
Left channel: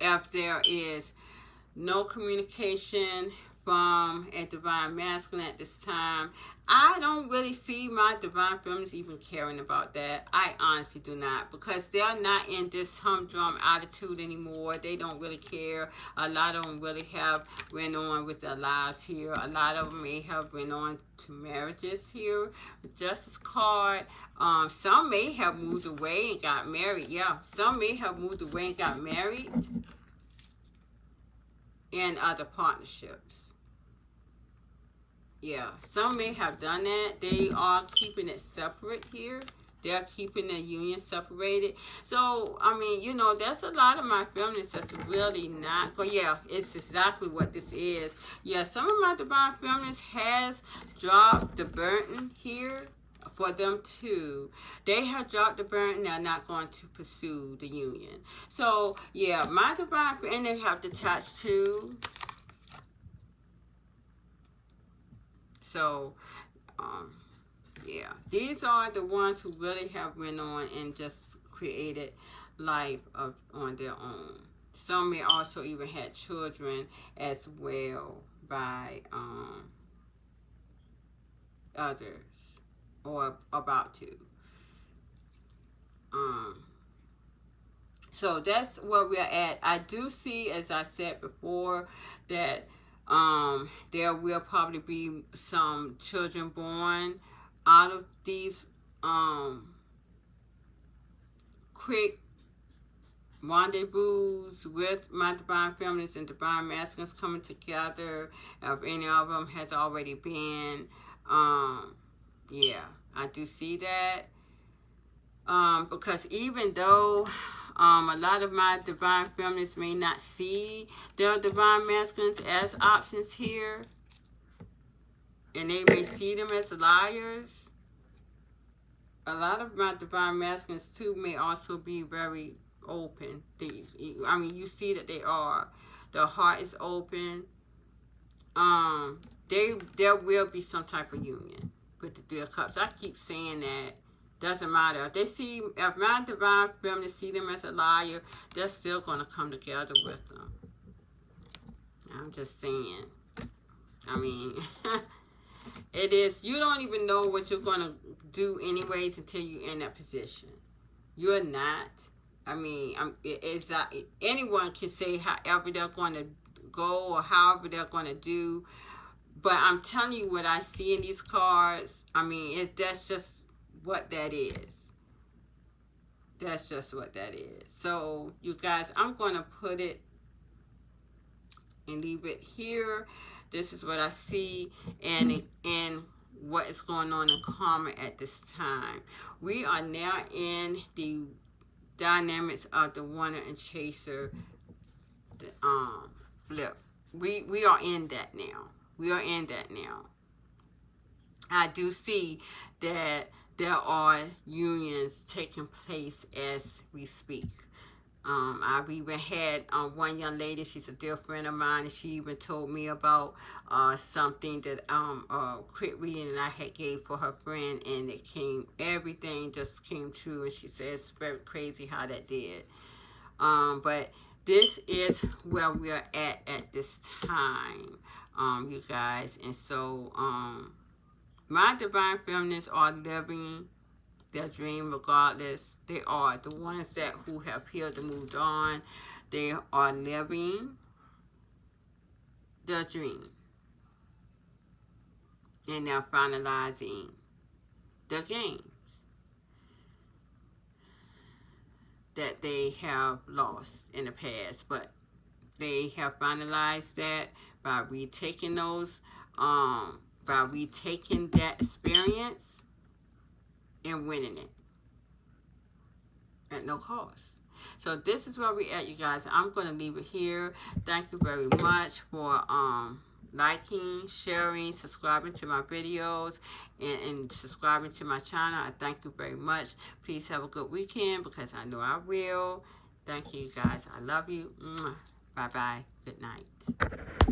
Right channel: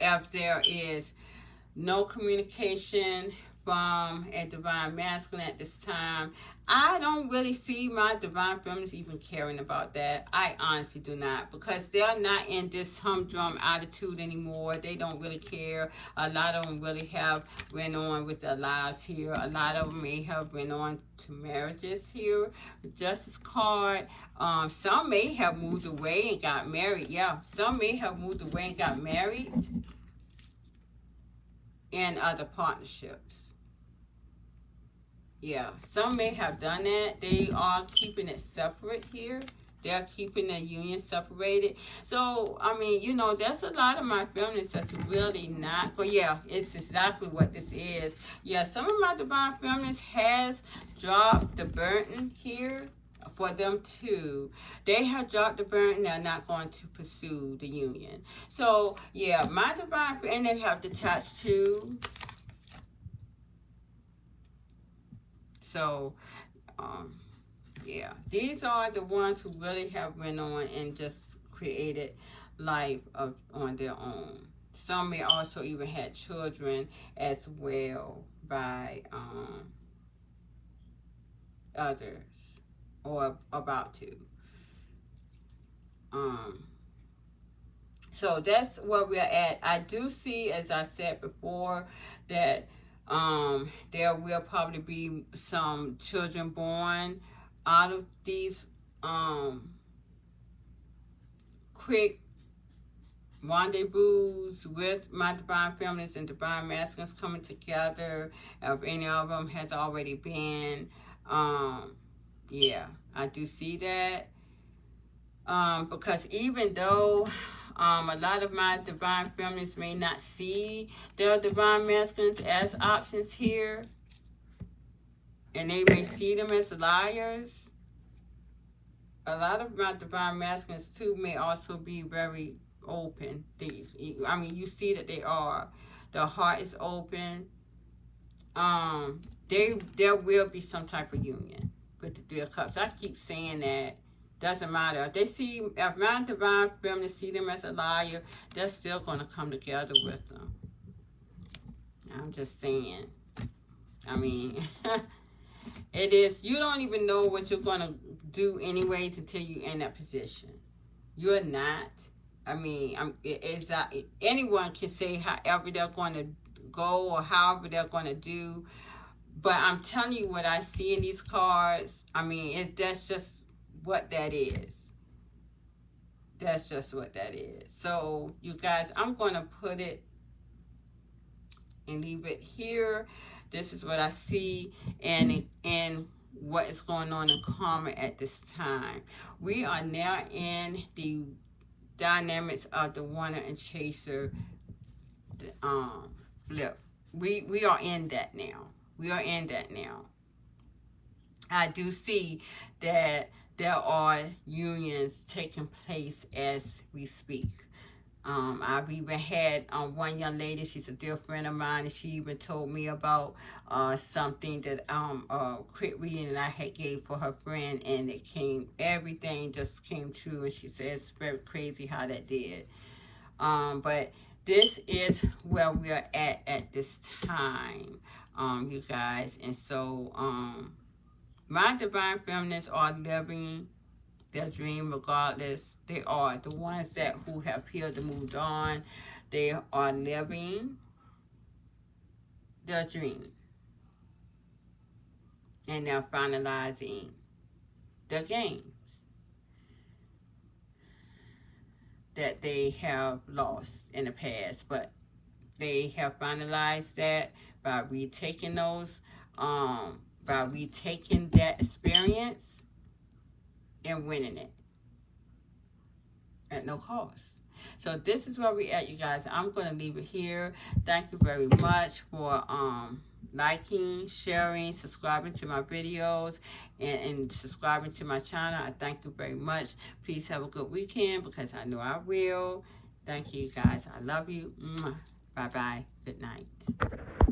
if there is no communication from a divine masculine at this time, I don't really see my divine feminines even caring about that. I honestly do not, because they're not in this humdrum attitude anymore. They don't really care. A lot of them really have went on with their lives here. A lot of them may have went on to marriages here. The Justice card. Some may have moved away and got married. Yeah, some may have moved away and got married in other partnerships. Yeah, some may have done that. They are keeping it separate here. They're keeping the union separated. So, I mean, you know, there's a lot of my feminists that's really not. But yeah, it's exactly what this is. Yeah, some of my divine feminists has dropped the burden here for them too. They have dropped the burden. They're not going to pursue the union. So, yeah, my divine, and they have detached too. So, yeah, these are the ones who really have went on and just created life on their own. Some may also even had children as well by others, or about to. So that's where we're at. I do see, as I said before, that there will probably be some children born out of these quick rendezvous with my divine feminines and divine masculines coming together. If any of them has already been, yeah, I do see that. Because even though a lot of my divine feminists may not see their divine masculines as options here, and they may see them as liars. A lot of my divine masculines too may also be very open. I mean, you see that they are. Their heart is open. There will be some type of union with the Three of Cups. I keep saying that. Doesn't matter. If my divine feminine see them as a liar, they're still going to come together with them. I'm just saying. I mean, it is. You don't even know what you're going to do anyways until you're in that position. You're not. I mean, anyone can say however they're going to go or however they're going to do. But I'm telling you what I see in these cards. I mean, that's just what that is. That's just what that is. So, you guys, I'm going to put it and leave it here. This is what I see and what is going on in karma at this time. We are now in the dynamics of the wanter and chaser flip. We are in that now. We are in that now. I do see that there are unions taking place as we speak. I've even had one young lady, she's a dear friend of mine, and she even told me about something that quick reading that I had gave for her friend, and everything just came true, and she said it's very crazy how that did. But this is where we are at this time, you guys, and so my divine feminists are living their dream regardless. They are the ones who have healed and moved on. They are living their dream. And they're finalizing the games that they have lost in the past. But they have finalized that by retaking that experience and winning it at no cost. So this is where we at, you guys. I'm going to leave it here. Thank you very much for liking, sharing, subscribing to my videos, and subscribing to my channel. I thank you very much. Please have a good weekend, because I know I will. Thank you, guys. I love you. Bye-bye. Good night.